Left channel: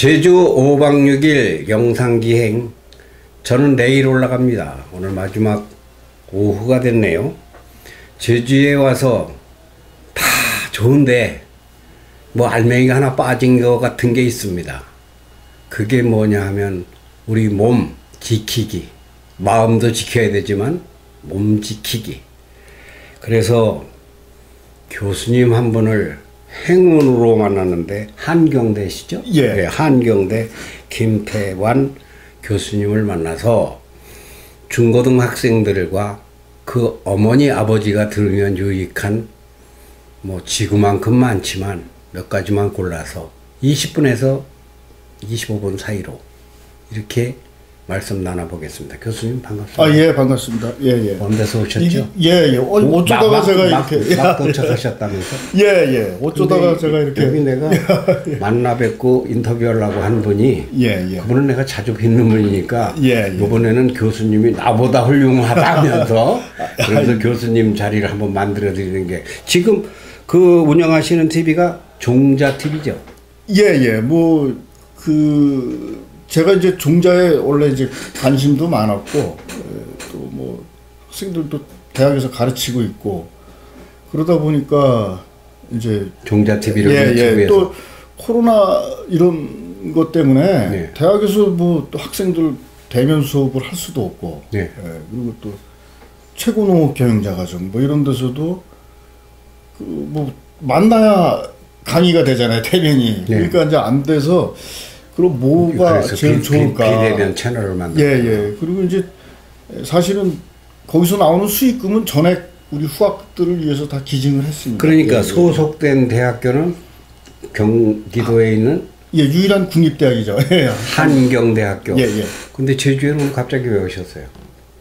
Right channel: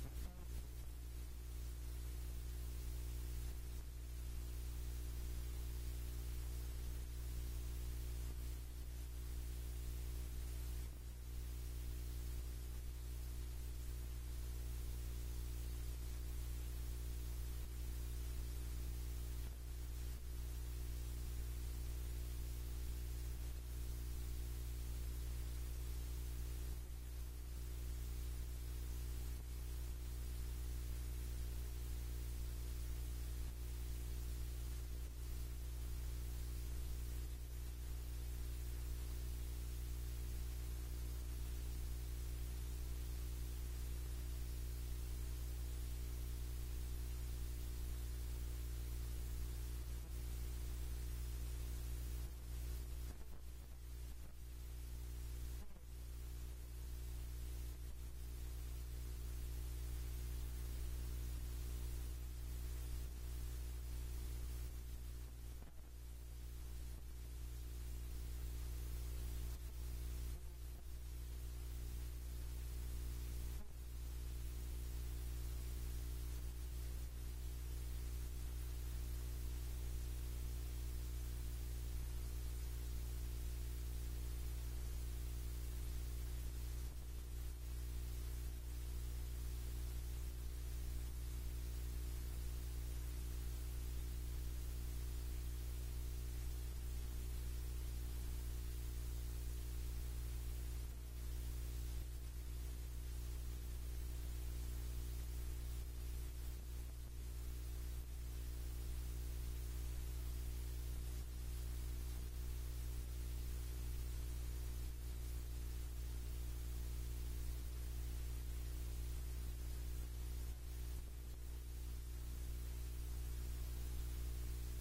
제주 5박 6일 영상기행. 저는 내일 올라갑니다. 오늘 마지막 오후가 됐네요. 제주에 와서 다 좋은데 뭐 알맹이가 하나 빠진 것 같은 게 있습니다. 그게 뭐냐 하면 우리 몸 지키기. 마음도 지켜야 되지만 몸 지키기. 그래서 교수님 한 분을 행운으로 만났는데 한경대시죠? 예. 네, 한경대 김태환 교수님을 만나서 중고등 학생들과 그 어머니 아버지가 들으면 유익한 뭐 지구만큼 많지만 몇 가지만 골라서 20분에서 25분 사이로 이렇게 말씀 나눠보겠습니다. 교수님 반갑습니다. 아, 예, 반갑습니다. 예, 예. 먼 데서 오셨죠? 예, 예. 어쩌다가 제가 이렇게. 막 도착하셨다면서? 예, 예. 어쩌다가 제가 이렇게. 여기 내가 만나 뵙고 인터뷰하려고 한 분이. 예, 예. 그분은 내가 자주 뵙는 분이니까. 예, 예. 이번에는 교수님이 나보다 훌륭하다면서. 그래서 교수님 자리를 한번 만들어 드리는 게. 지금 그 운영하시는 TV가 종자 TV죠? 예, 예. 제가 이제 종자에 원래 이제 관심도 많았고, 또 뭐 학생들도 대학에서 가르치고 있고, 그러다 보니까 이제 종자 TV를 예, 유튜브에서. 예. 또 코로나 이런 것 때문에 네. 대학에서 뭐 또 학생들 대면 수업을 할 수도 없고, 네. 예. 그리고 또 최고농업 경영자과정 뭐 이런 데서도 그 뭐 만나야 강의가 되잖아요, 대면이. 네. 그러니까 이제 안 돼서. 그럼 뭐가 제일 좋을까? 비대면 채널을 만들고. 예, 예. 그리고 이제 사실은 거기서 나오는 수익금은 전액 우리 후학들을 위해서 다 기증을 했습니다. 그러니까 예, 소속된 대학교는 경기도에 있는 예, 유일한 국립대학이죠. 예. 한경대학교. 예, 예. 근데 제주에는 갑자기 왜 오셨어요?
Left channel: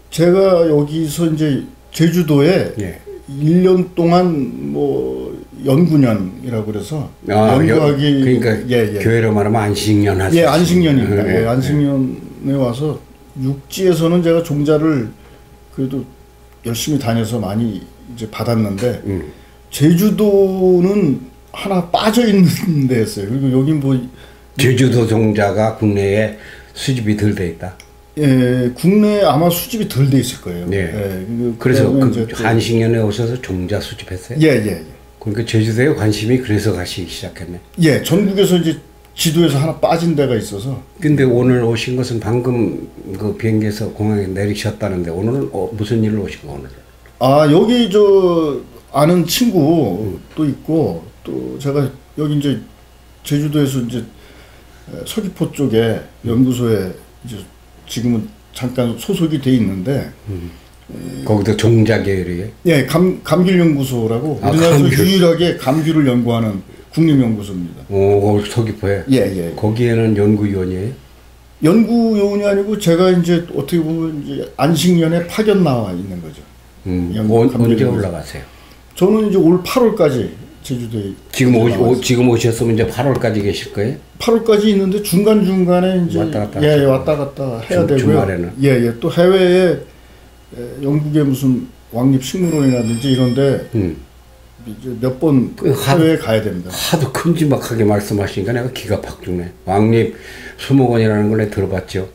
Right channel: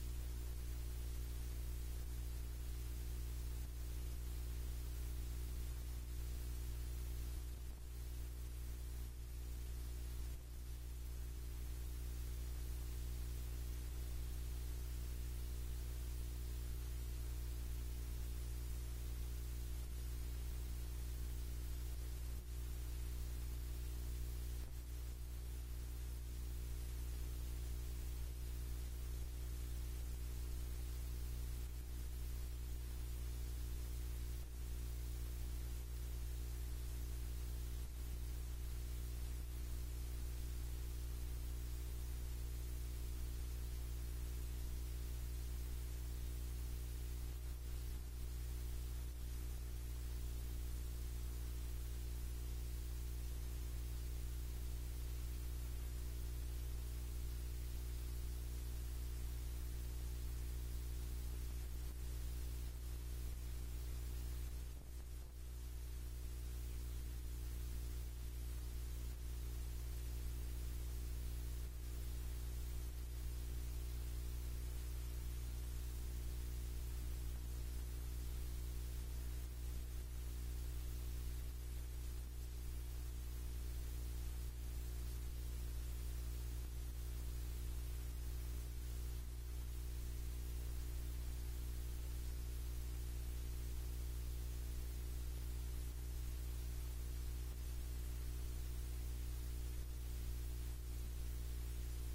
제가 여기서 이제 제주도에 예. 1년 동안 뭐 연구년이라고 그래서 연구하기. 그러니까 예, 예. 교회로 말하면 안식년 하셨어요. 예, 안식년입니다. 예, 예, 안식년에 와서 육지에서는 제가 종자를 그래도 열심히 다녀서 많이 이제 받았는데 제주도는 하나 빠져 있는 데였어요. 그리고 여기 뭐 제주도 종자가 국내에 수집이 덜 돼 있다. 예, 국내에 아마 수집이 덜 돼 있을 거예요. 네. 예, 그래서 이제 그 안식년에 오셔서 종자 수집했어요? 예, 예, 예. 그러니까 제주도에 관심이 그래서 가시기 시작했네. 예, 전국에서 이제 지도에서 하나 빠진 데가 있어서. 근데 오늘 오신 것은 방금 그 비행기에서 공항에 내리셨다는데 오늘은 무슨 일로 오시고 오늘? 아, 여기 저 아는 친구 또 있고 또 제가 여기 이제 제주도에서 이제 서귀포 쪽에 연구소에 이제 지금은 잠깐 소속이 돼 있는데 거기도 종자 계열이에요? 예, 감귤연구소라고 우리나라에서 감귤. 유일하게 감귤을 연구하는 국립연구소입니다. 오, 서귀포에? 예, 예. 거기에는 연구위원이에요? 연구요원이 아니고 제가 이제 어떻게 보면 이제 안식년에 파견 나와 있는 거죠. 언제 올라가세요? 저는 이제 올 8월까지 제주도에 지금 오셨으면 이제 8월까지 계실 거예요? 8월까지 있는데 중간중간에 이제 왔다 갔다 예, 왔다 갔다 해야 되고요. 주말에는? 예, 예. 또 해외에 영국의 무슨 왕립식물원이라든지 이런데 이제 몇 번 해외에 가야 됩니다. 하도 큼지막하게 말씀하시니까 내가 기가 팍 죽네. 왕립 수목원이라는 걸 내가 들어봤죠.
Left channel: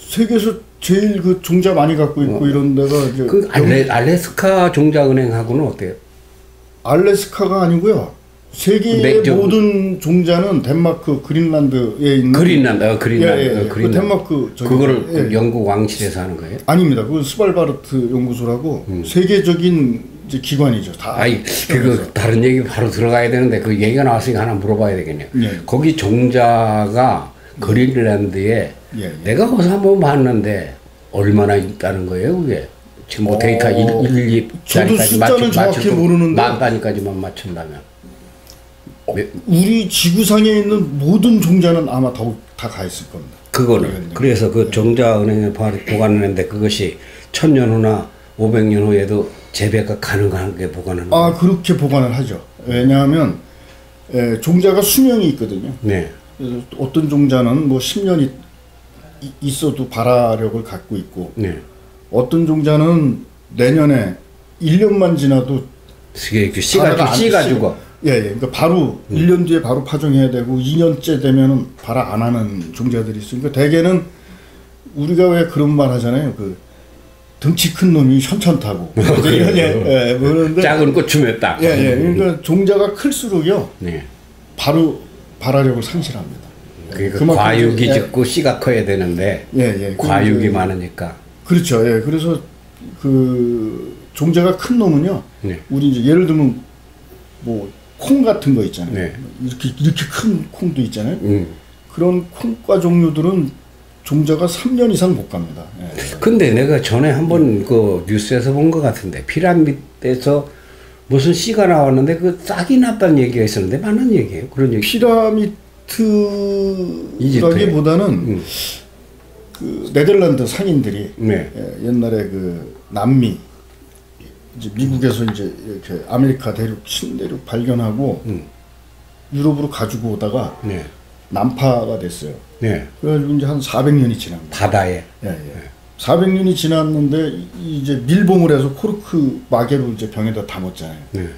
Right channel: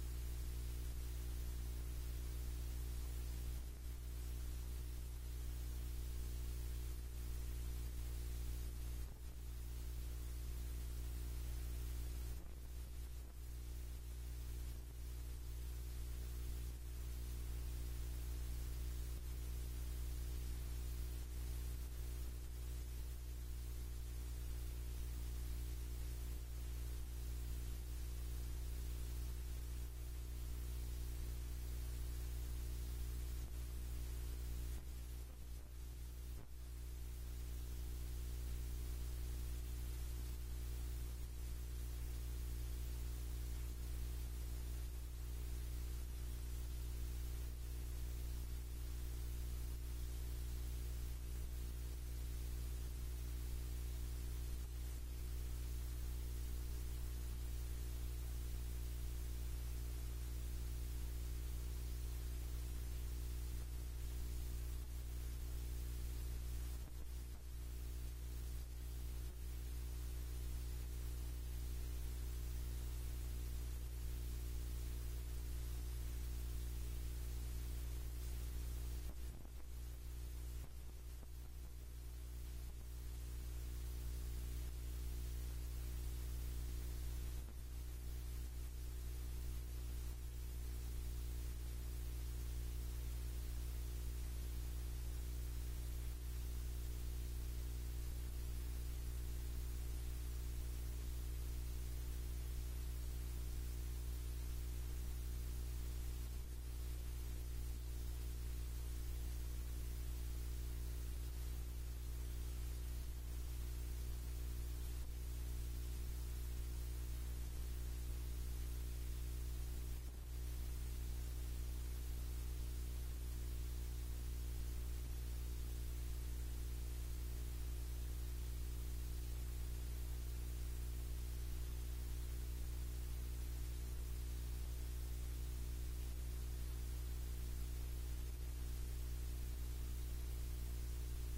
세계에서 제일 그 종자 많이 갖고 있고 이런 데가 이제 그 알래스카 종자은행하고는 어때요? 알래스카가 아니고요. 세계의 모든 종자는 덴마크 그린란드에 있는 그린란드. 예, 예. 그 덴마크 그거를 예. 영국 왕실에서 하는 거예요? 아닙니다. 그 스발바르트 연구소라고 세계적인 이제 기관이죠. 다. 아이, 그 다른 얘기 바로 들어가야 되는데 그 얘기가 나왔으니까 하나 물어봐야 되겠네요. 예. 거기 종자가 그린란드에 예. 내가 거기서 한번 봤는데 얼마나 있다는 거예요, 그게? 지금 뭐 데이터 1, 2 저도 숫자는 정확히 모르는데 만 단위까지만 맞춘다면 우리 지구상에 있는 모든 종자는 아마 다 가 있을 겁니다. 그거는 그래서 그 종자은행에 보관하는데 그것이 1000년 후나 500년 후에도 재배가 가능하게 보관하는 아, 그렇게 보관을 하죠. 왜냐하면 종자가 수명이 있거든요. 네. 그래서 어떤 종자는 뭐 10년이 있어도 발화력을 갖고 있고 네. 어떤 종자는 내년에 1년만 지나도 씨가 죽어. 예, 예. 그러니까 바로 1년 뒤에 바로 파종해야 되고 2년째 되면은 바로 안 하는 종자들이 있으니까 대개는 우리가 왜 그런 말 하잖아요. 그 등치 큰 놈이 현천타고. 예, 예. 그런데 작은 고추면 딱. 예, 예. 그러니까 종자가 클수록요. 네. 바로 발화력을 상실합니다. 그러니까 과육이 예. 적고 씨가 커야 되는데 예, 예. 과육이 많으니까. 그렇죠. 예. 그래서 그 종자가 큰 놈은요. 네. 우리 이제 예를 들면 뭐 콩 같은 거 있잖아요. 네. 이렇게 큰 콩도 있잖아요. 그런 콩과 종류들은 종자가 3년 이상 못 갑니다. 예. 근데 내가 전에 한번 그 뉴스에서 본 것 같은데 피라미드에서 무슨 씨가 나왔는데 그 싹이 났다는 얘기가 있었는데 맞는 얘기예요? 그런 얘기. 피라미드라기보다는 그 네덜란드 상인들이 네. 예, 옛날에 그 남미 이제 미국에서 이제 이렇게 아메리카 대륙 신대륙 발견하고 유럽으로 가지고 오다가 네. 난파가 됐어요. 네. 그래가지고 이제 한 400년이 지납니다. 바다에. 예, 예. 400년이 지났는데 이제 밀봉을 해서 코르크 마개로 이제 병에다 담았잖아요. 네.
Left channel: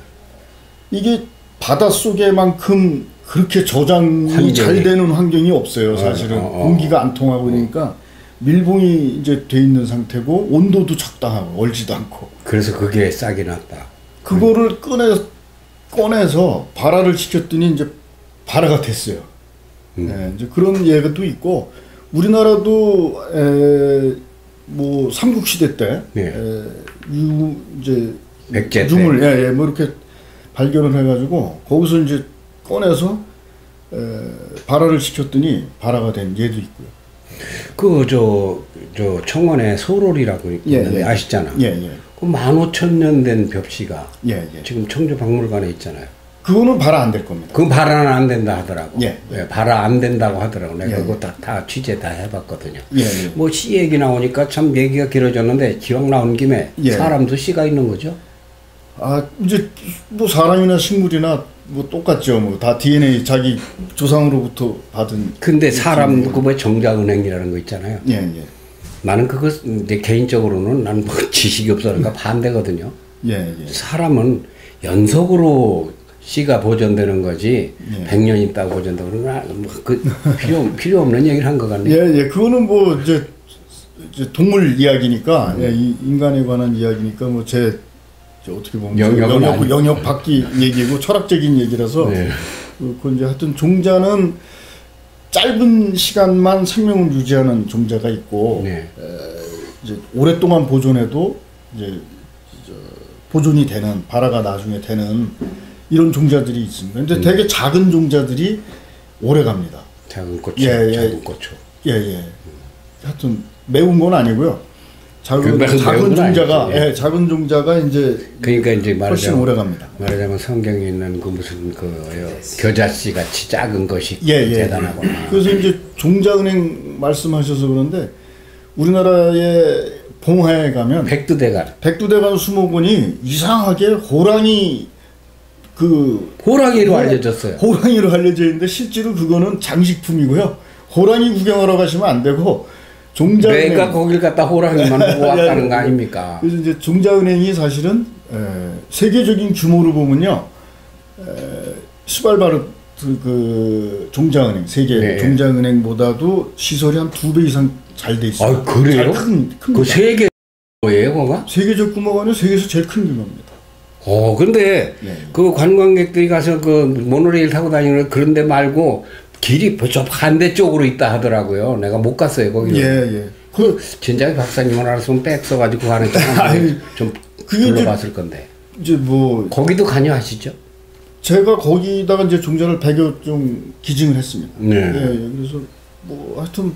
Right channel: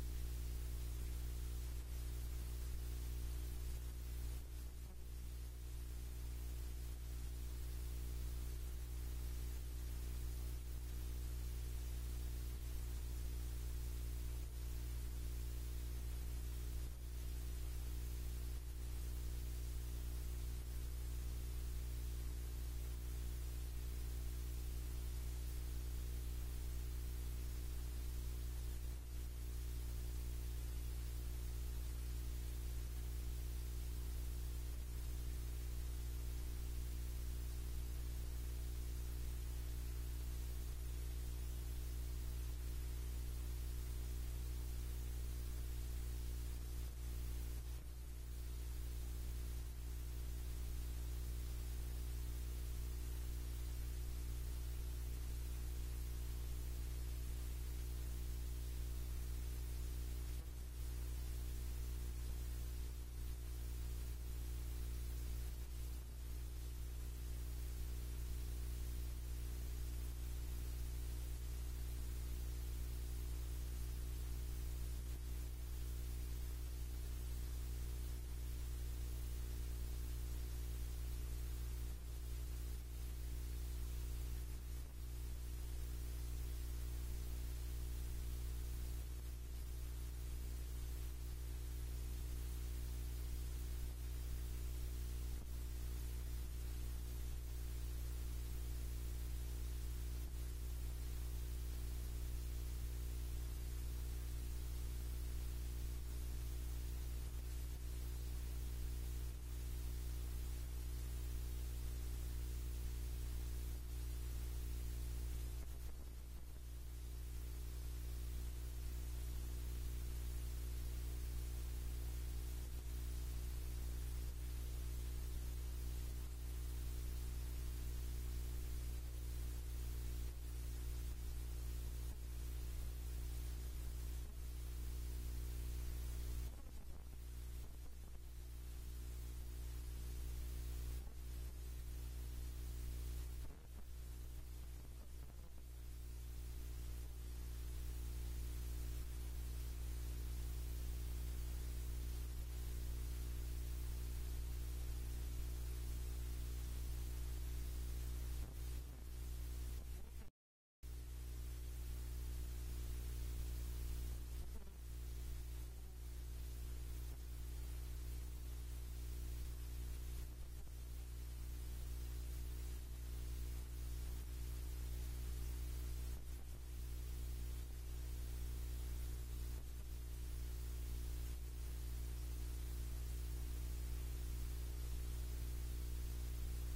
이게 바닷속에만큼 그렇게 저장이 환경이. 잘 되는 환경이 없어요. 사실은 공기가 안 통하고 그러니까 밀봉이 이제 돼 있는 상태고 온도도 적당하고 얼지도 않고. 그래서 그게 싹이 났다. 그거를 꺼내서 발화를 시켰더니 이제 발화가 됐어요. 예, 이제 그런 예가 또 있고 우리나라도 뭐 삼국시대 때 네. 이제 백제 때. 유물 뭐 이렇게 발견을 해가지고 거기서 이제 꺼내서 발화를 시켰더니 발화가 된 예도 있고요. 그 저 청원에 소롤이라고 있는데 예. 아시잖아. 예, 예. 그 15,000년 된 벽시가 예, 예. 지금 청주박물관에 있잖아요. 그거는 발화 안 될 겁니다. 그건 발화는 안 된다 하더라고. 예. 발화 안 된다고 하더라고. 내가 예. 그거 다 취재 다 해봤거든요. 예, 예. 뭐 씨 얘기 나오니까 참 얘기가 길어졌는데 기왕 나온 김에 예. 사람도 씨가 있는 거죠? 아 이제 뭐 사람이나 식물이나 뭐 똑같죠. 뭐 다 DNA 자기 조상으로부터 받은. 근데 사람도 그뭐 정자은행이라는 거 있잖아요. 예, 예. 나는 그거 이제 개인적으로는 나는 뭐 지식이 없어니까 반대거든요. 예, 예. 사람은 연속으로 씨가 보존되는 거지 예. 100년 있다가 보존되고 그러나 그 필요 없는 얘기를 한 것 같네요. 예, 예. 그거는 뭐 이제 동물 이야기니까 예, 이 인간에 관한 이야기니까 뭐 제 어떻게 보면 영역 밖의 얘기고 철학적인 얘기라서 네. 그 이제 하여튼 종자는 짧은 시간만 생명을 유지하는 종자가 있고 네. 이제 오랫동안 보존해도 이제 보존이 되는 발화가 나중에 되는 이런 종자들이 있습니다. 근데 되게 작은 종자들이 오래 갑니다. 작은 고추, 예, 예. 작은 고추. 예, 예. 하여튼 매운 건 아니고요. 작은 매운 건 종자가 아니죠. 예. 예, 작은 종자가 이제 그러니까 이제 훨씬 오래 갑니다. 말하자면 성경에 있는 그 무슨 그 겨자씨 같이 작은 것이 예, 예. 대단하구나. 그래서 이제 종자은행 말씀하셔서 그런데 우리나라의 봉화에 가면 백두대간 수목원이 이상하게 호랑이 호랑이로 알려졌어요. 호랑이로 알려져 있는데 실제로 그거는 장식품이고요. 호랑이 구경하러 가시면 안 되고 종자은행 내가 거길 갔다 호랑이만 보고 왔다는 거 아닙니까? 그래서 이제 종자은행이 사실은 세계적인 규모로 보면요, 스발바르트 그 종자은행 세계 네. 종자은행보다도 시설이 한 2배 이상 잘 돼 있어요. 아 그래요? 큰 그 세계 뭐예요, 그거가? 세계적 규모가 아니라 세계에서 제일 큰 규모입니다. 근데 네. 그 관광객들이 가서 그 모노레일 타고 다니는 그런 데 말고 길이 저 반대쪽으로 있다 하더라고요. 내가 못 갔어요, 거기. 예. 진작에 박사님은 알았으면 백 써가지고 가는 좀 둘러봤을 건데. 이제 뭐 거기도 관여하시죠? 제가 거기다가 이제 종자를 100여 종 기증을 했습니다. 네. 예, 그래서 뭐 하여튼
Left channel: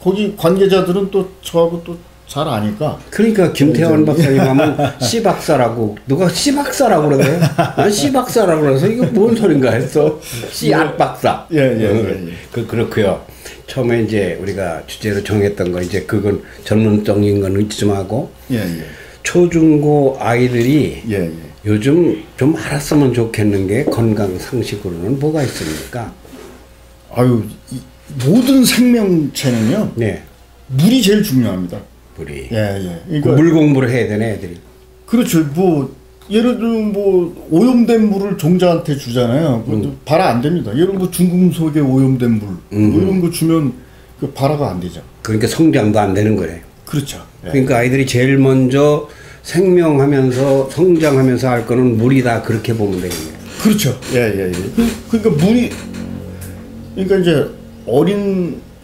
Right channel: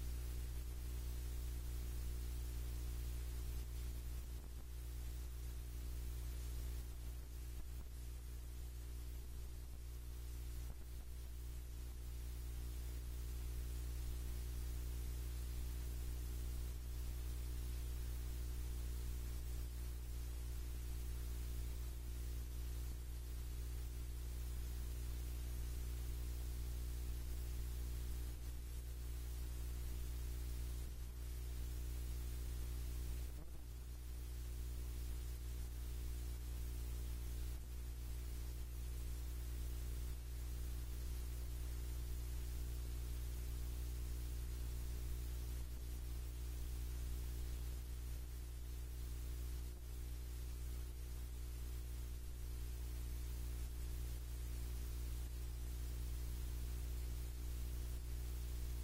거기 관계자들은 또 저하고 또 잘 아니까. 그러니까 김태원 박사님 하면 씨박사라고 누가 씨박사라고 그러네요. 난 씨박사라고 그래서 이거 뭔 소린가 했어. 씨앗 박사. 예. 그렇고요. 처음에 이제 우리가 주제로 정했던 거 이제 그건 전문적인 건 좀 하고 예. 초중고 아이들이 예. 요즘 좀 알았으면 좋겠는 게 건강 상식으로는 뭐가 있습니까? 아유, 모든 생명체는요. 네. 물이 제일 중요합니다. 물이. 예. 그 물 공부를 해야 되네 애들이. 그렇죠. 뭐 예를 들면 뭐 오염된 물을 종자한테 주잖아요. 발화 안 됩니다. 예를 들면 뭐 중금속에 오염된 물 뭐 이런 거 주면 그 발화가 안 되죠. 그러니까 성장도 안 되는 거네. 그렇죠. 예. 그러니까 아이들이 제일 먼저 생명하면서 성장하면서 할 거는 물이다 그렇게 보면 되겠네요. 그렇죠. 예. 그러니까 물이 그러니까 이제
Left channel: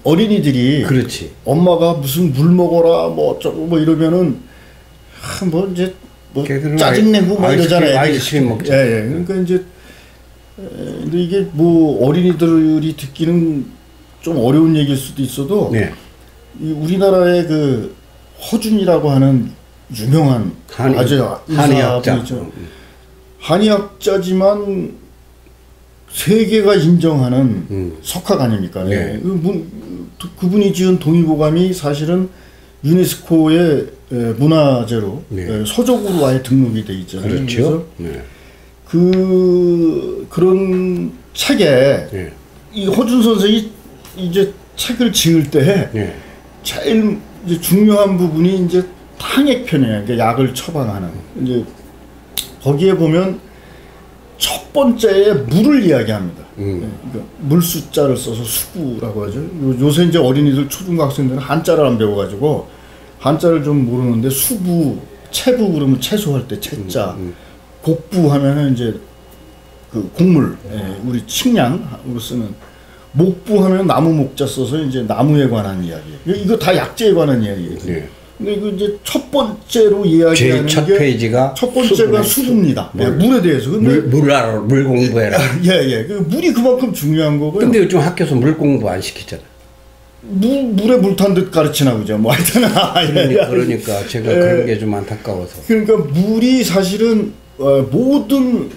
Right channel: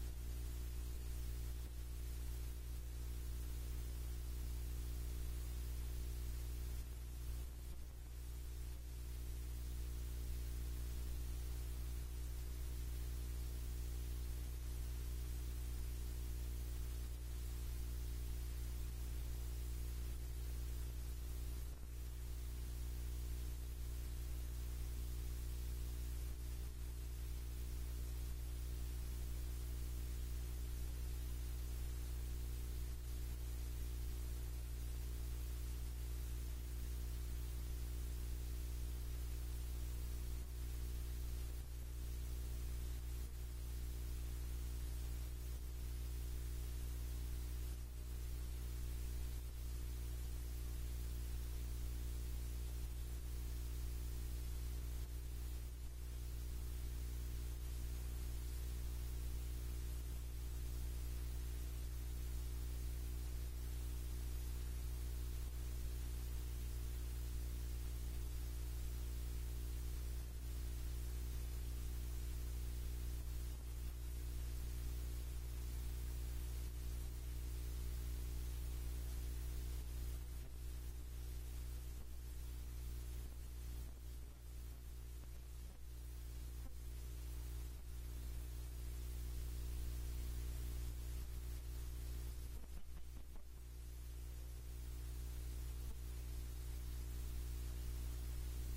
어린이들이 그렇지. 엄마가 무슨 물 먹어라 뭐 어쩌고 뭐 이러면은 뭐 이제 뭐 짜증내고 뭐 이러잖아요. 아이스크림 먹자. 예. 그러니까 이제 근데 이게 뭐 어린이들이 듣기는 좀 어려운 얘기일 수도 있어도 네. 이 우리나라의 그 허준이라고 하는 유명한 한의학자. 한의학자지만 세계가 인정하는 석학 아닙니까? 네. 그분이 지은 동의보감이 사실은 유네스코의 문화재로 네. 서적으로 아예 등록이 돼 있잖아요. 그렇죠. 네. 그런 책에 네. 이 허준 선생이 이제 책을 지을 때 네. 제일 이제 중요한 부분이 이제 탕액편이에요. 그러니까 약을 처방하는. 이제 거기에 보면 첫 번째에 물을 이야기합니다. 그러니까 물 숫자를 써서 수구라고 하죠. 요새 이제 어린이들 초중학생들은 한자를 안 배워가지고 한자를 좀 모르는데 수부, 채부 그러면 채소할 때 채자, 곡부 하면은 이제 그 곡물, 우리 식량으로 쓰는 목부 하면 나무 목자 써서 이제 나무에 관한 이야기. 이거 다 약재에 관한 이야기예요. 네. 근데 이거 이제 첫 번째로 이야기하는 첫 게 페이지가 첫 번째가 수부입니다. 물에 대해서. 근데 물 공부해라. 예. 그 물이 그만큼 중요한 거고요. 근데 요즘 학교에서 물 공부 안 시키잖아. 물에 물 탄 듯 가르치나 보죠. 뭐 하여튼 그러니까 제가 그런 게 좀 안타까워서. 그러니까 물이 사실은 모든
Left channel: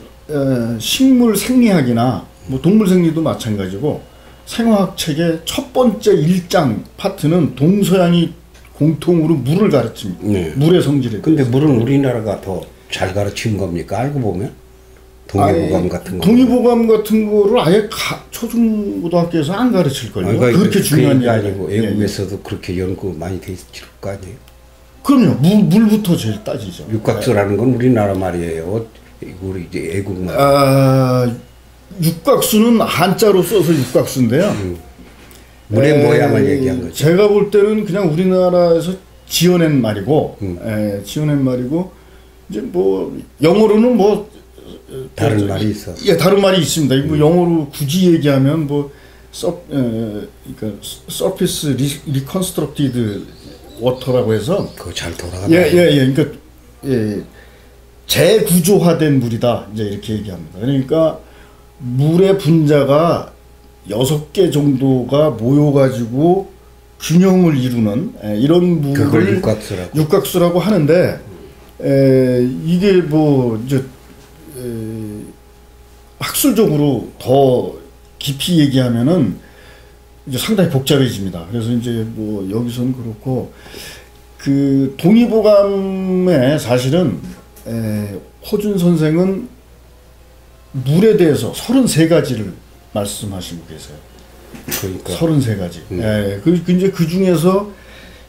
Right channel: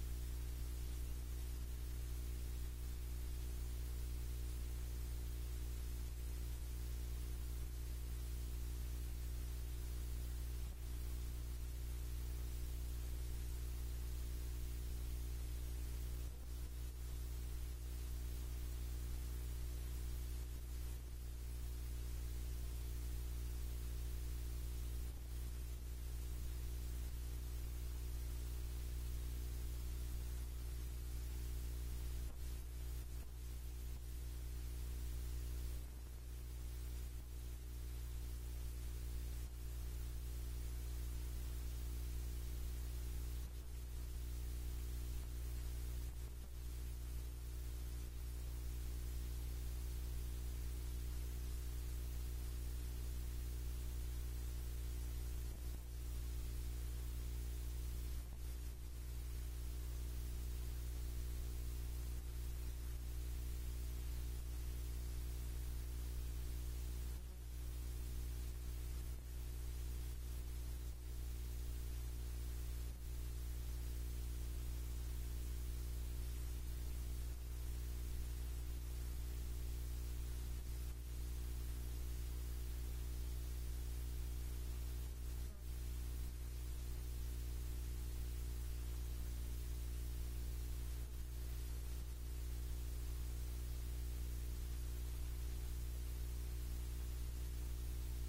식물 생리학이나 뭐 동물 생리도 마찬가지고 생화학 책의 첫 번째 1장 파트는 동서양이 공통으로 물을 가르칩니다. 네. 물의 성질에. 근데 물은 우리나라가 더 잘 가르친 겁니까? 알고 보면 동의보감 같은 거. 동의보감 같은 거를 아예 초중고등학교에서 안 가르칠 걸요. 그렇게 중요한 게 아니고 외국에서도 그렇게 연구 많이 돼 있을 거 아니에요. 그럼요. 물부터 제일 따지죠. 육각수라는 건 우리나라 말이에요. 우리 이제 애국말. 육각수는 한자로 써서 육각수인데요. 물의 모양을 얘기한 거죠. 제가 볼 때는 그냥 우리나라에서 지어낸 말이고, 지어낸 말이고 이제 뭐 영어로는 뭐 다른 말이 있어. 예, 다른 말이 있습니다. 뭐 영어로 굳이 얘기하면 뭐 그러니까 surface reconstructed water라고 해서 그거 잘 돌아가다. 그러니까 재구조화된 물이다. 이제 이렇게 얘기합니다. 그러니까 물의 분자가 6개 정도가 모여가지고 균형을 이루는 이런 물을 그걸 육각수라고 하는데 이게 뭐 이제 학술적으로 더 깊이 얘기하면은 이제 상당히 복잡해집니다. 그래서 이제 뭐 여기서는 그렇고 그 동의보감에 사실은 허준 선생은 물에 대해서 33가지를 말씀하시고 계세요. 그러니까 33가지. 이제 그 중에서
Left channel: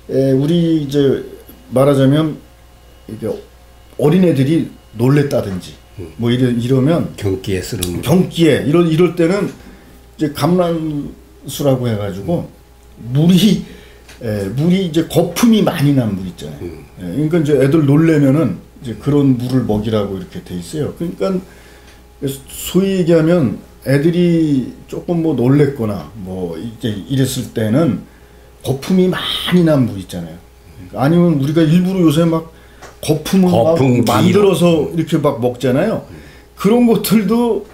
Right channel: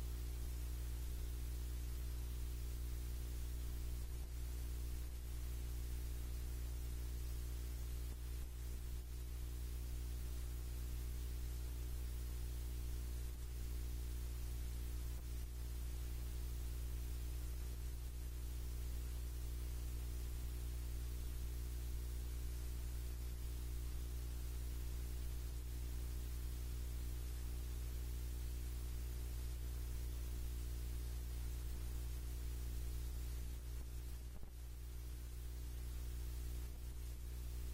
우리 이제 말하자면 이게 어린애들이 놀랬다든지 뭐 이러면 경기에 쓰는 경기에 이럴 때는 이제 감란수라고 해가지고 물이 이제 거품이 많이 난 물 있잖아요. 그러니까 이제 애들 놀래면은 이제 그런 물을 먹이라고 이렇게 돼 있어요. 그러니까 소위 얘기하면 애들이 조금 뭐 놀랬거나 뭐 이제 이랬을 때는 거품이 많이 난 물 있잖아요. 아니면 우리가 일부러 요새 막 거품을 막 만들어서 이렇게 막 먹잖아요. 그런 것들도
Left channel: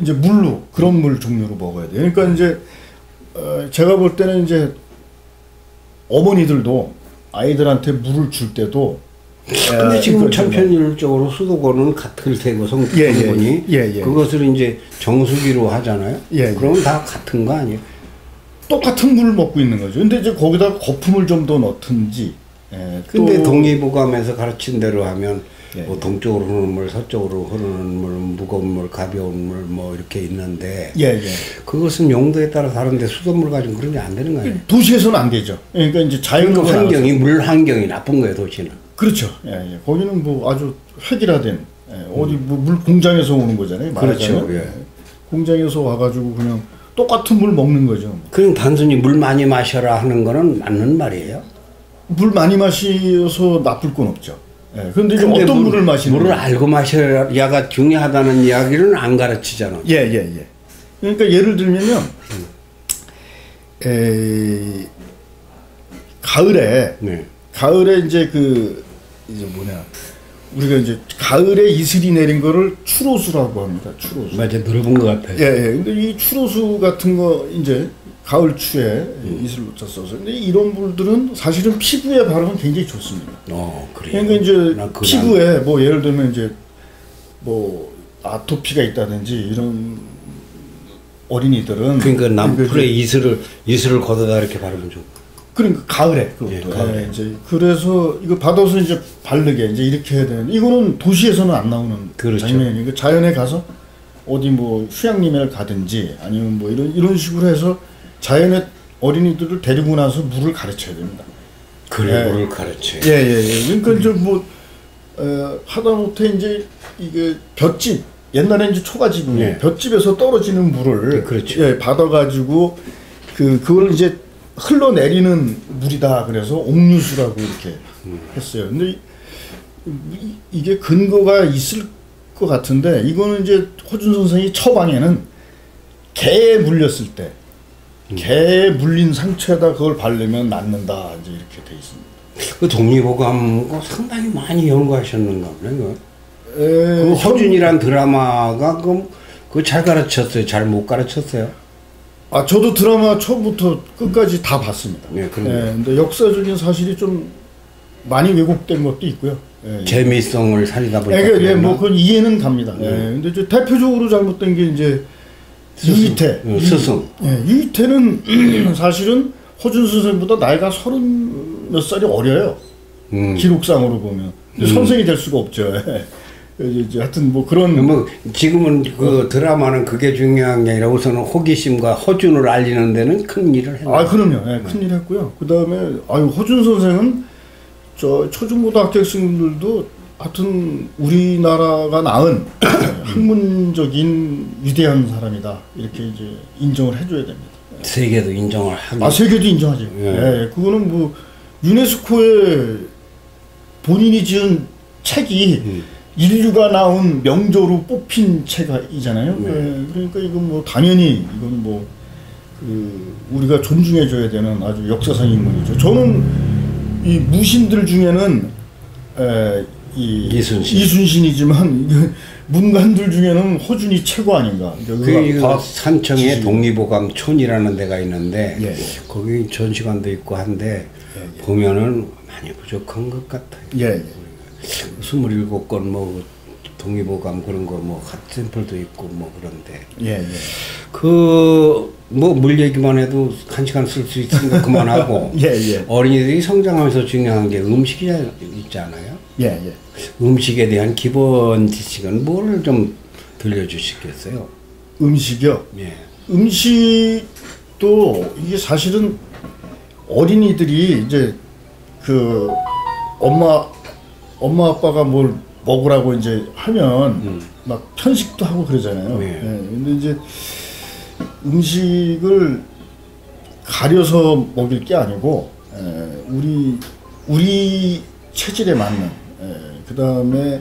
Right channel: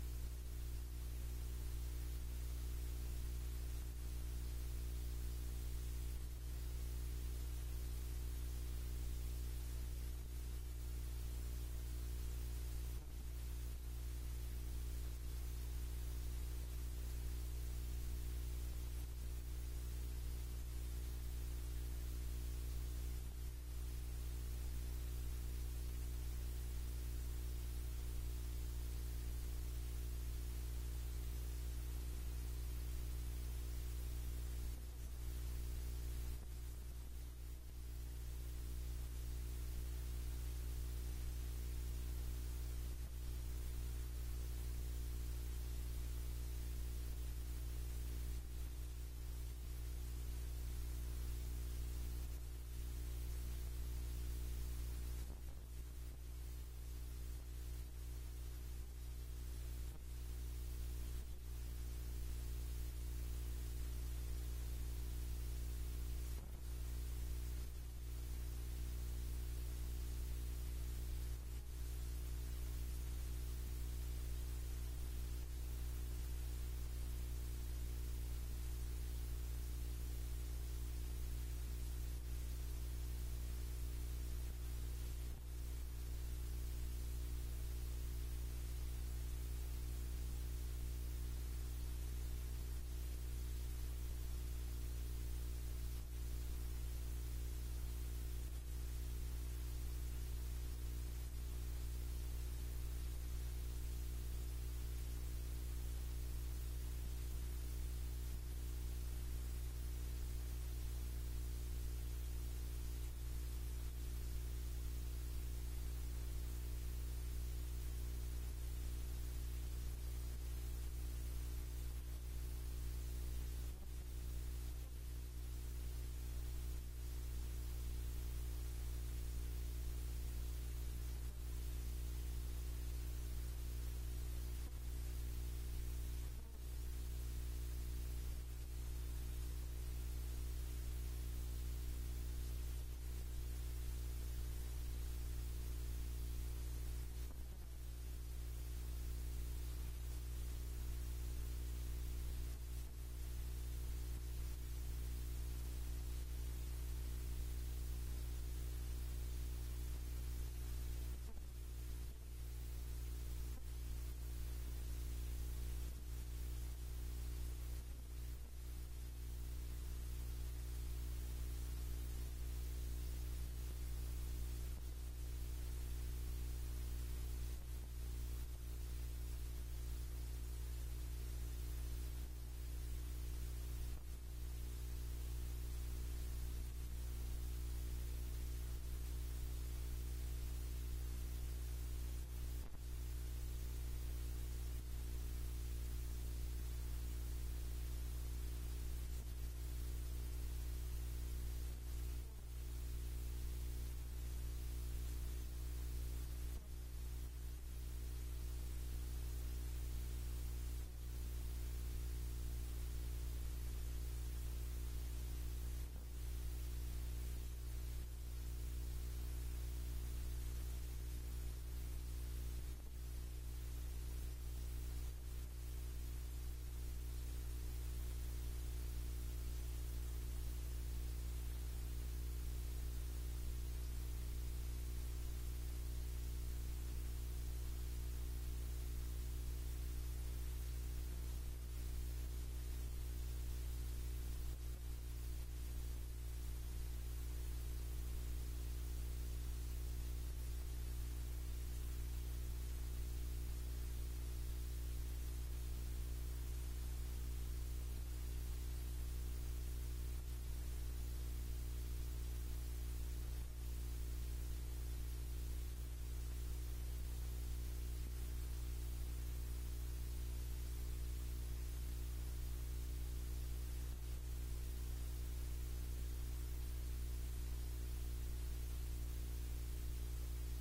이제 물로 그런 물 종류로 먹어야 돼요. 그러니까 이제 제가 볼 때는 이제 어머니들도 아이들한테 물을 줄 때도 근데 지금 천편일적으로 수도권은 같을 테고 성분이 그것을 이제 정수기로 하잖아요. 그러면 다 같은 거 아니에요? 똑같은 물을 먹고 있는 거죠. 근데 이제 거기다 거품을 좀 더 넣든지. 근데 동의보감에서 가르친 대로 하면 뭐 동쪽으로 흐르는 물, 서쪽으로 흐르는 물, 무거운 물, 가벼운 물 뭐 이렇게 있는데 그것은 용도에 따라 다른데 수돗물 가지고 그런 게 안 되는 거예요. 도시에서는 안 되죠. 그러니까 이제 자연 환경이 물 환경이 나쁜 거예요, 도시는. 그렇죠. 예, 예. 거기는 뭐 아주 획일화된 어디 뭐 물 공장에서 오는 거잖아요. 그렇죠. 예. 공장에서 와가지고 그냥 똑같은 물 먹는 거죠. 그럼 단순히 물 많이 마셔라 하는 거는 맞는 말이에요? 물 많이 마셔서 나쁠 건 없죠. 예. 그런데 이제 어떤 물을 마시는 물을 알고 마셔야가 중요하다는 이야기는 안 가르치잖아. 예, 예, 예. 그러니까 예를 들면요. 가을에 네. 가을에 이제 이제 뭐냐 우리가 이제 가을에 이슬이 내린 거를 추로수라고 합니다. 추로수. 맞아, 들어본 것 같아요. 예, 예. 근데 이 추로수 같은 거 이제 가을 추에 이슬 놓쳐 써서 근데 이런 물들은 사실은 피부에 바르면 굉장히 좋습니다. 그래요. 그러니까 이제 피부에 뭐 예를 들면 이제 뭐 아토피가 있다든지 이런 어린이들은 그러니까 남풀에 이슬을 걷어다 이렇게 바르면 좋고. 그러니까 가을에 그것도. 예, 가을에. 이제 그래서 이거 받아서 이제 바르게 이제 이렇게 해야 되는데 이거는 도시에서는 안 나오는 그렇죠. 장면이니까 자연에 가서 어디 뭐 휴양림에 가든지 아니면 뭐 이런 식으로 해서 자연의 어린이들을 데리고 나서 물을 가르쳐야 됩니다. 그래, 물을 가르쳐. 예, 예, 예. 그러니까 이제 뭐 하다못해 이제 이게 볏짚 옛날에 이제 초가집이 볏짚에서 떨어지는 물을 그렇죠. 예, 받아가지고 그걸 이제 흘러내리는 물이다 그래서 옥류수라고 이렇게 했어요. 근데 이게 근거가 있을 것 같은데 이거는 이제 호준 선생이 처방에는 개에 물렸을 때 개에 물린 상처에다 그걸 바르면 낫는다 이제 이렇게 돼 있습니다. 그 독립보감 상당히 많이 연구하셨는가 보네요. 그 허준이란 드라마가 그 잘 가르쳤어요? 잘 못 가르쳤어요? 저도 드라마 처음부터 끝까지 다 봤습니다. 네, 근데 역사적인 사실이 좀 많이 왜곡된 것도 있고요. 재미성을 살리다 보니까. 예, 뭐 그건 이해는 갑니다. 근데 이제 대표적으로 잘못된 게 이제 유이태. 스승. 유이태는 사실은 호준 선생보다 나이가 30몇 살이 어려요. 기록상으로 보면. 선생이 될 수가 없죠. 이제 하여튼 뭐 그런 뭐 지금은 그 드라마는 그게 중요한 게 아니라 우선은 호기심과 허준을 알리는 데는 큰 일을 했네요. 그럼요. 예, 큰 일 했고요. 그다음에 호준 선생은 저 초중고등학교 학생들도 하여튼 우리나라가 낳은 학문적인 위대한 사람이다. 이렇게 이제 인정을 해줘야 됩니다. 세계도 인정을 하고. 세계도 인정하죠. 예, 그거는 뭐 유네스코에 본인이 지은 책이 인류가 나온 명조로 뽑힌 책이잖아요. 그러니까 이건 뭐 당연히 이건 뭐 우리가 존중해줘야 되는 아주 역사상 인물이죠. 저는 이 무신들 중에는 이순신이지만 문관들 중에는 허준이 최고 아닌가. 그 산청에 독립보감촌이라는 데가 있는데 거기 전시관도 있고 한데 보면은 많이 부족한 것 같아요. 27건 뭐 독립보감 그런 거 뭐 핫샘플도 있고 뭐 그런데 그 뭐 물 얘기만 해도 1시간 쓸 수 있으니까 그만하고 어린이들이 성장하면서 중요한 게 음식이 있잖아요. 음식에 대한 기본 지식은 뭐를 좀 들려주시겠어요? 음식이요? 음식도 이게 사실은 어린이들이 이제 그 엄마 아빠가 뭘 먹으라고 이제 하면 막 편식도 하고 그러잖아요. 근데 이제 음식을 가려서 먹일 게 아니고 우리 체질에 맞는 그 다음에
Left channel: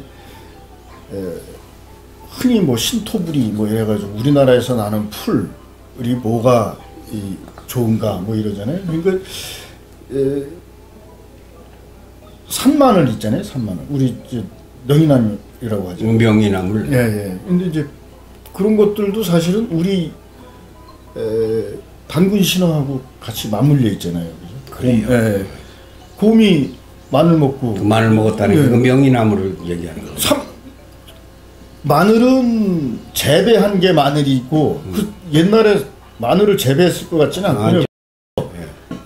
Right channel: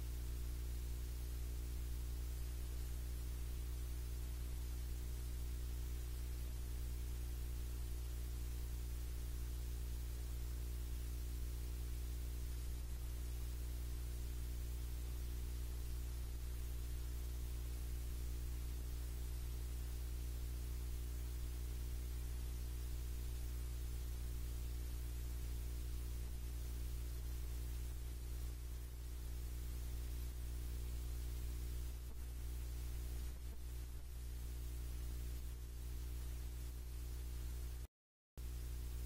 흔히 뭐 신토부리 뭐 이래가지고 우리나라에서 나는 풀이 뭐가 좋은가 뭐 이러잖아요. 그러니까 산마늘 있잖아요. 산마늘. 우리 이제 명이나물이라고 하죠. 명이나물. 근데 이제 그런 것들도 사실은 우리 단군 신화하고 같이 맞물려 있잖아요. 그래요. 곰이 마늘 먹고. 그 마늘 먹었다는 그 명이나물을 얘기하는 거죠. 마늘은 재배한 게 마늘이 있고 그 옛날에 마늘을 재배했을 것 같지는 않고요.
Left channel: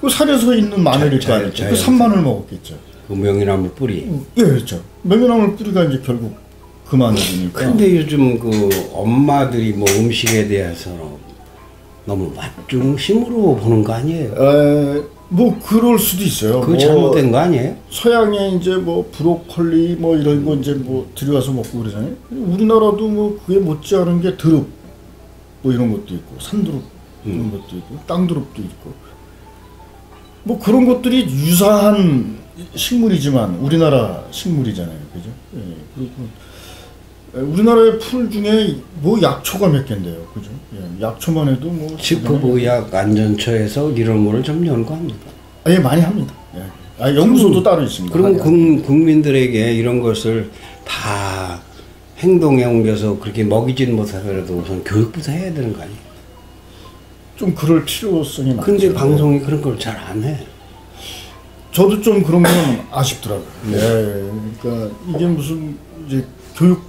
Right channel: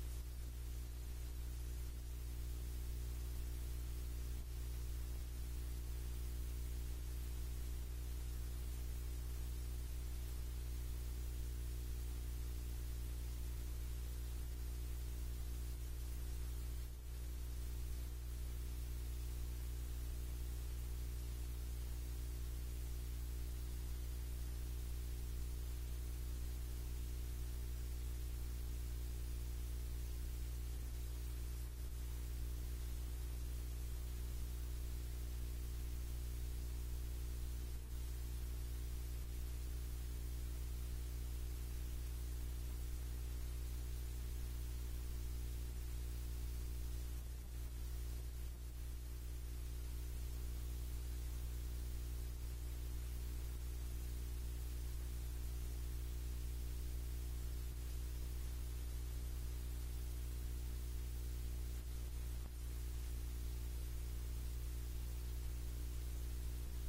그 산에서 있는 마늘일 거 아니에요. 그 산마늘 먹었겠죠. 그 명이나물 뿌리. 그렇죠. 명이나물 뿌리가 이제 결국 그 마늘이니까. 근데 요즘 그 엄마들이 뭐 음식에 대해서 너무 맛중심으로 보는 거 아니에요? 뭐 그럴 수도 있어요. 그거 잘못된 거 아니에요? 서양에 이제 뭐 브로콜리 뭐 이런 거 이제 뭐 들여와서 먹고 그러잖아요. 우리나라도 뭐 그게 못지않은 게 드릅 뭐 이런 것도 있고 산드릅 이런 것도 있고 땅드릅도 있고 뭐 그런 것들이 유사한 식물이지만 우리나라 식물이잖아요, 그죠? 예, 그리고 우리나라의 풀 중에 뭐 약초가 몇 개인데요, 그죠? 예, 약초만 해도 뭐 식품의약 안전처에서 이런 거를 좀 연구합니다. 예, 많이 합니다. 예. 아, 연구소도 따로 있습니다. 그럼 국민들에게 이런 것을 다 행동에 옮겨서 그렇게 먹이진 못하더라도 우선 교육부터 해야 되는 거 아니에요? 좀 그럴 필요성이 많죠. 근데 방송이 그런 걸 잘 안 해. 저도 좀 그런 건 아쉽더라고요. 예, 그러니까 이게 무슨 이제 교육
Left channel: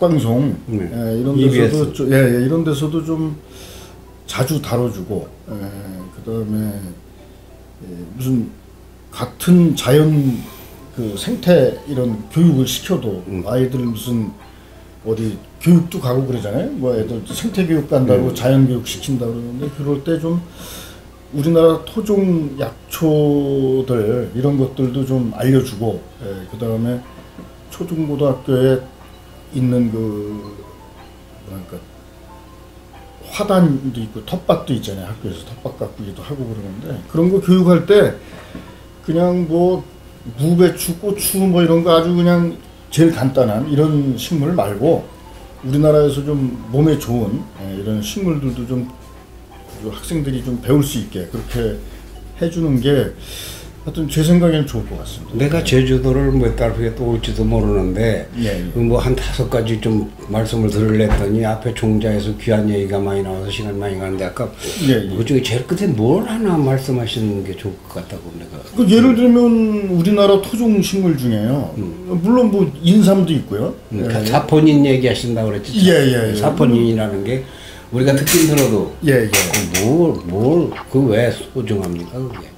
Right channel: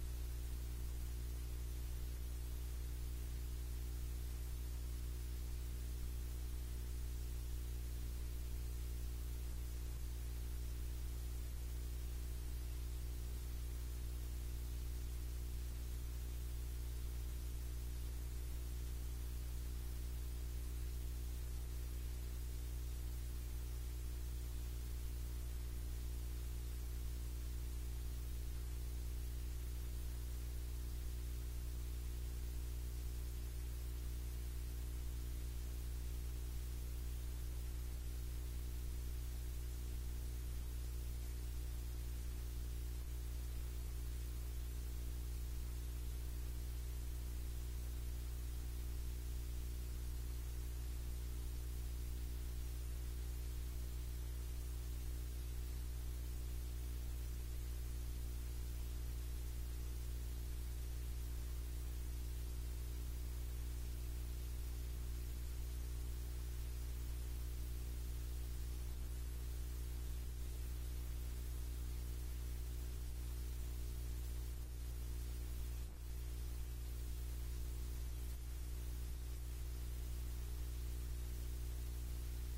방송 이런 데서도 좀, 이런 데서도 좀 자주 다뤄주고 그다음에 무슨 같은 자연 그 생태 이런 교육을 시켜도 아이들 무슨 어디 교육도 가고 그러잖아요. 뭐 애들 생태 교육 간다고 자연 교육 시킨다 그러는데 그럴 때 좀 우리나라 토종 약초들 이런 것들도 좀 알려주고 그다음에 초중고등학교에 있는 그 뭐랄까 화단도 있고 텃밭도 있잖아요. 학교에서 텃밭 가꾸기도 하고 그러는데 그런 거 교육할 때 그냥 뭐 무배추, 고추 뭐 이런 거 아주 그냥 제일 간단한 이런 식물 말고 우리나라에서 좀 몸에 좋은 이런 식물들도 좀 학생들이 좀 배울 수 있게 그렇게 해주는 게 하여튼 제 생각에는 좋을 것 같습니다. 내가 제주도를 몇 달 후에 또 올지도 모르는데 뭐 한 5가지 좀 말씀을 들으려더니 앞에 종자에서 귀한 얘기가 많이 나와서 시간 많이 가는데 아까 그중에 제일 끝에 뭘 하나 말씀하시는 게 좋을 것 같다고 내가. 그 예를 들면 우리나라 토종 식물 중에요. 물론 뭐 인삼도 있고요. 사포닌 얘기하신다고 그랬지. 사포닌이라는 게 우리가 듣긴 들어도 그 왜 소중합니까 그게?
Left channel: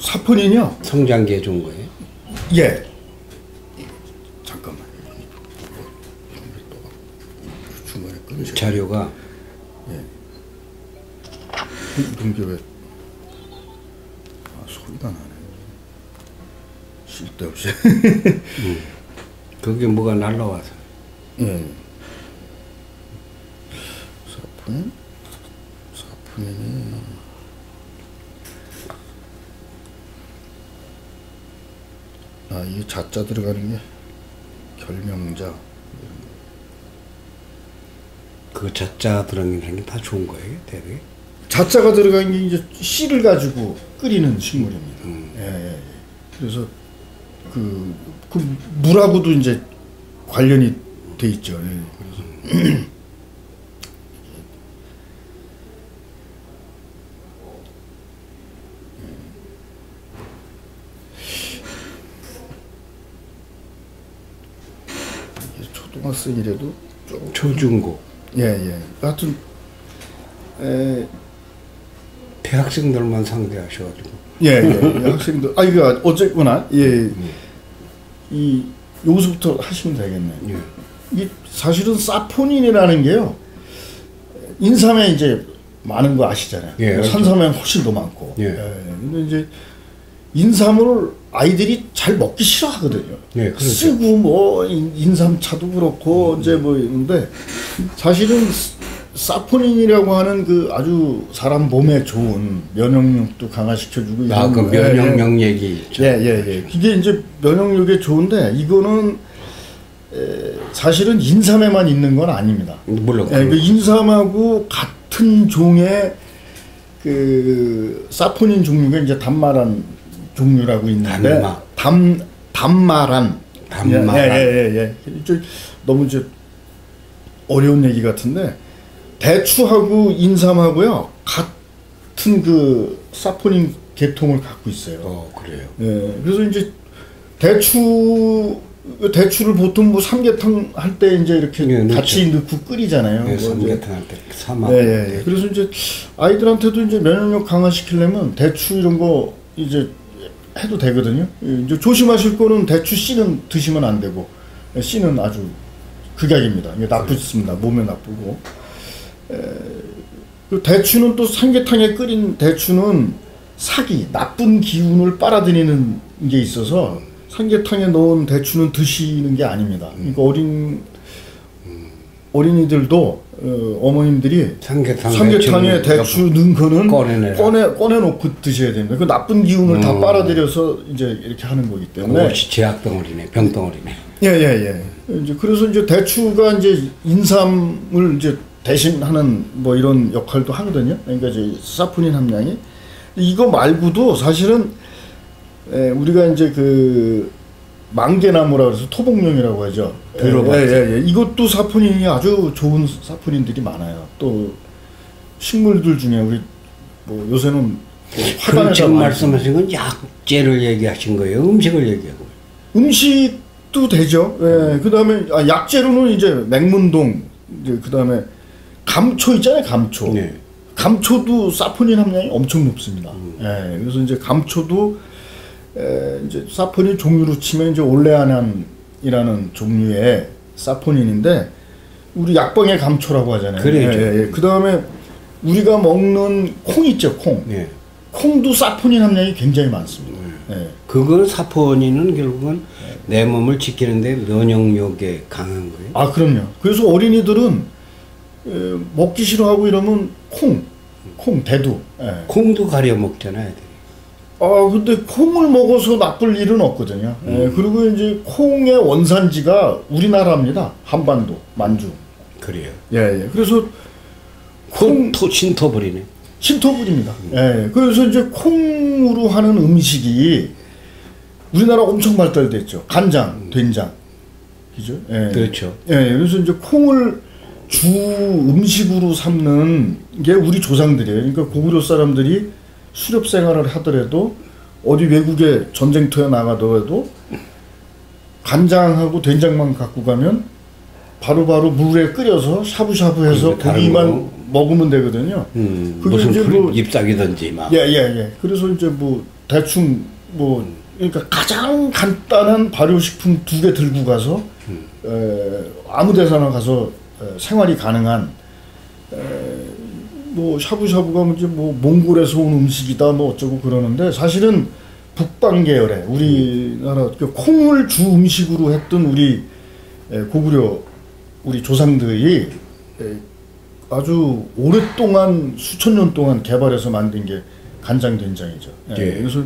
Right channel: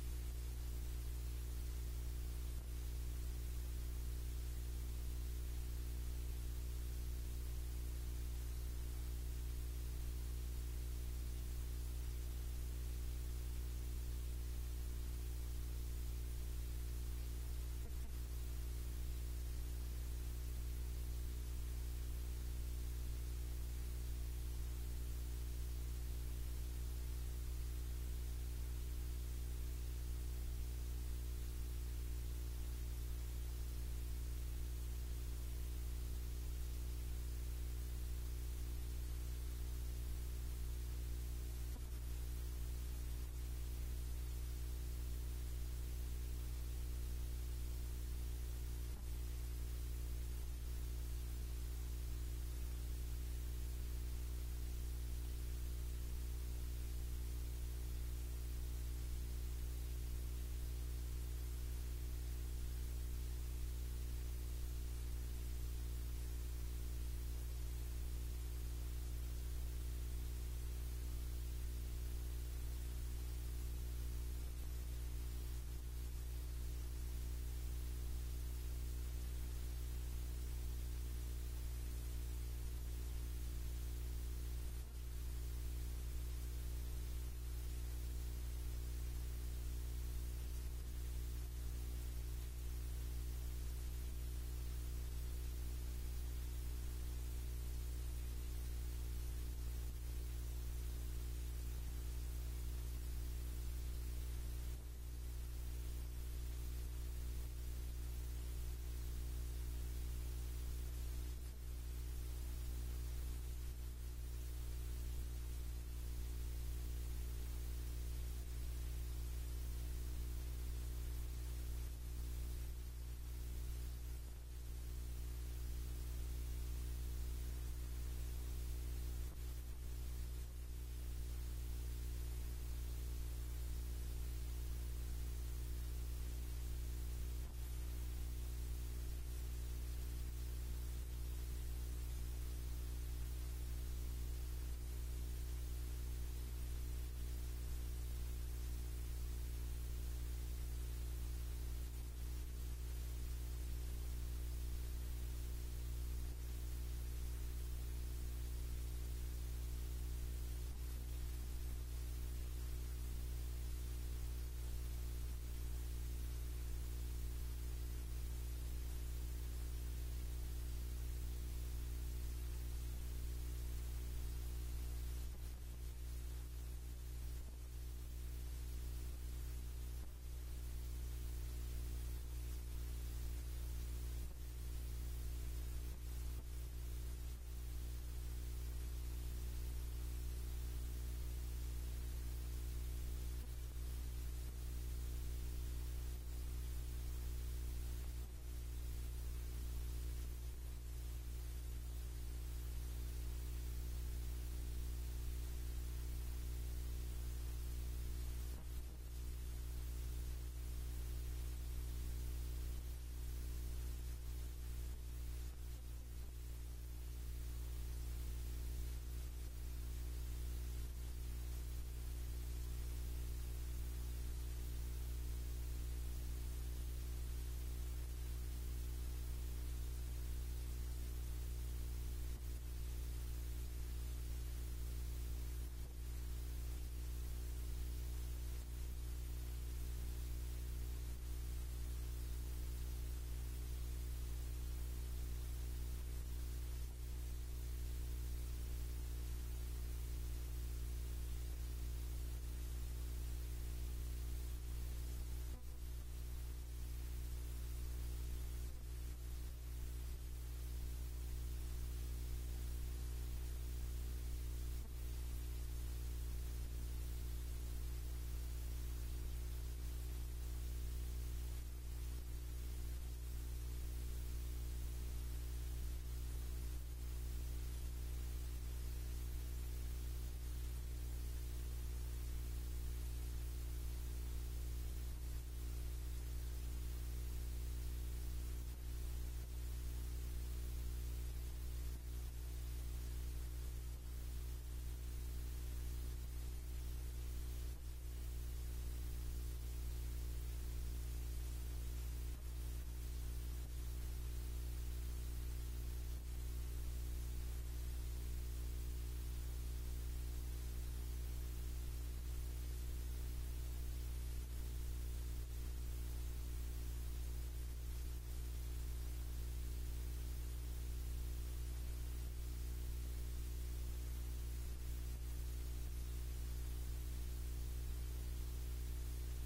사포닌이요? 성장기에 좋은 거예요? 예. 잠깐만. 중간에 끊으세요. 자료가. 예. 이런 게 왜? 소리가 나네. 쓸데없이. 그게 뭐가 날라와서. 사포닌이. 아, 이게 자자 들어가는 게 결명자. 그 자자 들어가는 게 다 좋은 거예요, 대개? 자자가 들어간 게 이제 씨를 가지고 끓이는 식물입니다. 그래서 그 물하고도 이제 관련이 돼 있죠. 그래서 초등학생이라도 초중고. 하여튼 대학생들만 상대하셔가지고. 학생들. 이거 어쨌거나 이 여기서부터 하시면 되겠네요. 이 사실은 사포닌이라는 게요. 인삼에 이제 많은 거 아시잖아요. 산삼에 훨씬 더 많고. 근데 이제 인삼을 아이들이 잘 먹기 싫어하거든요. 그렇죠. 쓰고 뭐 인삼차도 그렇고 이제 뭐 있는데 사실은 사포닌이라고 하는 그 아주 사람 몸에 좋은 면역력도 강화시켜주고 그 면역력 얘기. 이게 이제 면역력에 좋은데 이거는 사실은 인삼에만 있는 건 아닙니다. 물론. 그 인삼하고 같은 종의 그 사포닌 종류가 이제 단마란 종류라고 있는데 단마란. 너무 이제 어려운 얘기 같은데 대추하고 인삼하고요 같은 그 사포닌 계통을 갖고 있어요. 그래요. 그래서 이제 대추를 보통 뭐 삼계탕 할 때 이제 이렇게 같이 넣고 끓이잖아요. 삼계탕 할 때 삼아. 그래서 이제 아이들한테도 이제 면역력 강화시키려면 대추 이런 거 이제 해도 되거든요. 이제 조심하실 거는 대추 씨는 드시면 안 되고 씨는 아주 극약입니다. 이게 나쁘습니다. 몸에 나쁘고. 그 대추는 또 삼계탕에 끓인 대추는 사기, 나쁜 기운을 빨아들이는 게 있어서 삼계탕에 넣은 대추는 드시는 게 아닙니다. 그러니까 어린이들도 어머님들이 삼계탕에 대추 넣은 거는 꺼내놓고 드셔야 됩니다. 그 나쁜 기운을 다 빨아들여서 이제 이렇게 하는 거기 때문에. 그것이 제약덩어리네, 병덩어리네. 예. 이제 그래서 이제 대추가 이제 인삼을 이제 대신하는 뭐 이런 역할도 하거든요. 그러니까 이제 사포닌 함량이. 이거 말고도 사실은 우리가 이제 그 망개나무라 그래서 토복령이라고 하죠. 예. 이것도 사포닌이 아주 좋은 사포닌들이 많아요. 또 식물들 중에 우리 뭐 요새는 그럼 지금 말씀하신 건 약재를 얘기하신 거예요? 음식을 얘기하고? 음식도 되죠. 예. 그다음에 약재로는 이제 맹문동, 이제 그다음에 감초 있잖아요. 감초. 네. 감초도 사포닌 함량이 엄청 높습니다. 예. 그래서 이제 감초도 이제 사포닌 종류로 치면 이제 올레아난이라는 종류의 사포닌인데 우리 약방의 감초라고 하잖아요. 그렇죠. 예. 그다음에 우리가 먹는 콩 있죠, 콩. 예. 콩도 사포닌 함량이 굉장히 많습니다. 예. 그건 사포닌은 결국은 내 몸을 지키는데 면역력에 강한 거예요. 아, 그럼요. 그래서 어린이들은 먹기 싫어하고 이러면 콩, 대두. 예. 콩도 가려 먹잖아요. 근데 콩을 먹어서 나쁠 일은 없거든요. 예, 그리고 이제 콩의 원산지가 우리나라입니다. 한반도, 만주. 그래요. 예. 그래서 신토불이네. 신토불입니다. 예. 그래서 이제 콩으로 하는 음식이 우리나라 엄청 발달됐죠. 간장, 된장. 그죠? 예. 그렇죠. 예. 그래서 이제 콩을 주 음식으로 삼는 게 우리 조상들이에요. 그러니까 고구려 사람들이 수렵 생활을 하더라도 어디 외국에 전쟁터에 나가더라도 간장하고 된장만 갖고 가면 바로바로 물에 끓여서 샤브샤브해서 고기만 먹으면 되거든요. 그게 무슨 이제 뭐 잎사귀든지 막. 예. 그래서 이제 뭐 대충 뭐 그러니까 가장 간단한 발효식품 2개 들고 가서 아무 데서나 가서 생활이 가능한 뭐 샤브샤브가 이제 뭐 몽골에서 온 음식이다 뭐 어쩌고 그러는데 사실은 북방 계열의 우리나라 콩을 주 음식으로 했던 우리 고구려 우리 조상들이 아주 오랫동안 수천 년 동안 개발해서 만든 게 간장된장이죠. 그래서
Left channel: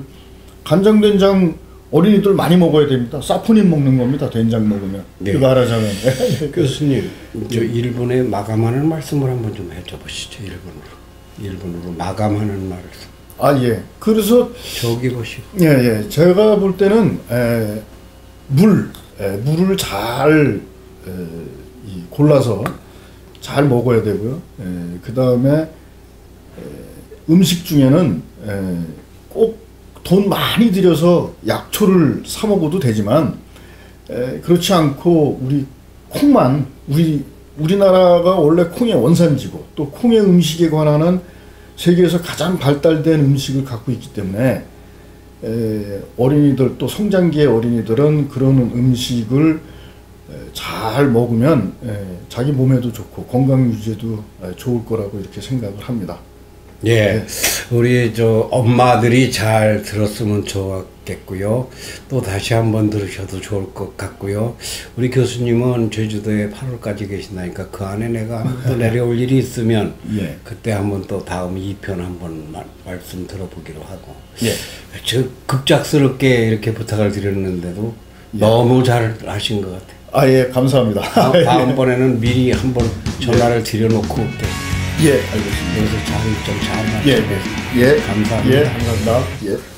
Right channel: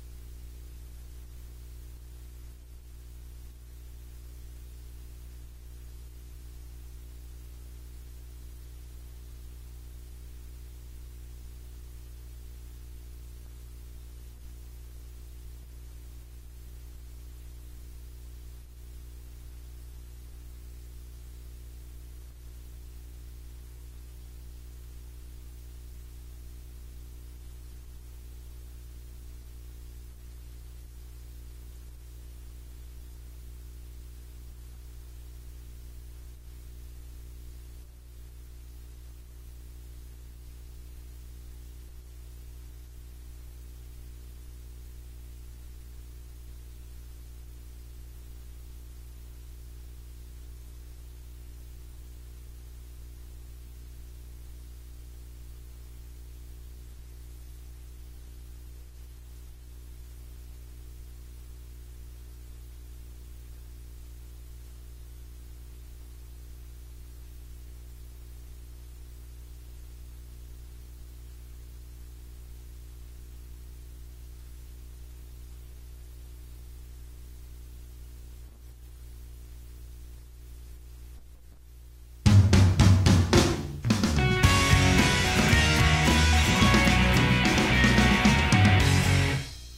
간장된장 어린이들 많이 먹어야 됩니다. 사포닌 먹는 겁니다. 된장 먹으면. 네. 그거 알아자면. 교수님, 저 일본에 마감하는 말씀을 한번 좀 해줘보시죠. 일본어로 마감하는 말을. 예. 그래서 저기 보시고. 예. 제가 볼 때는 물을 잘 골라서 잘 먹어야 되고요. 그 다음에 음식 중에는 꼭 돈 많이 들여서 약초를 사 먹어도 되지만 그렇지 않고 우리 콩만 우리나라가 원래 콩의 원산지고 또 콩의 음식에 관한 세계에서 가장 발달된 음식을 갖고 있기 때문에 어린이들 또 성장기의 어린이들은 그런 음식을 잘 먹으면 자기 몸에도 좋고 건강 유지에도 좋을 거라고 이렇게 생각을 합니다. 예, 우리 저 엄마들이 잘 들었으면 좋았겠고요. 또 다시 한번 들으셔도 좋을 것 같고요. 우리 교수님은 제주도에 8월까지 계신다니까 그 안에 내가 한번 또 내려올 일이 있으면 그때 한번 또 다음 2편 한번 말씀 들어보기로 하고. 저 급작스럽게 이렇게 부탁을 드렸는데도 너무 잘 하신 것 같아요. 예, 감사합니다. 다음번에는 미리 한번 전화를 드려놓고 알겠습니다. 감사합니다. 감사합니다.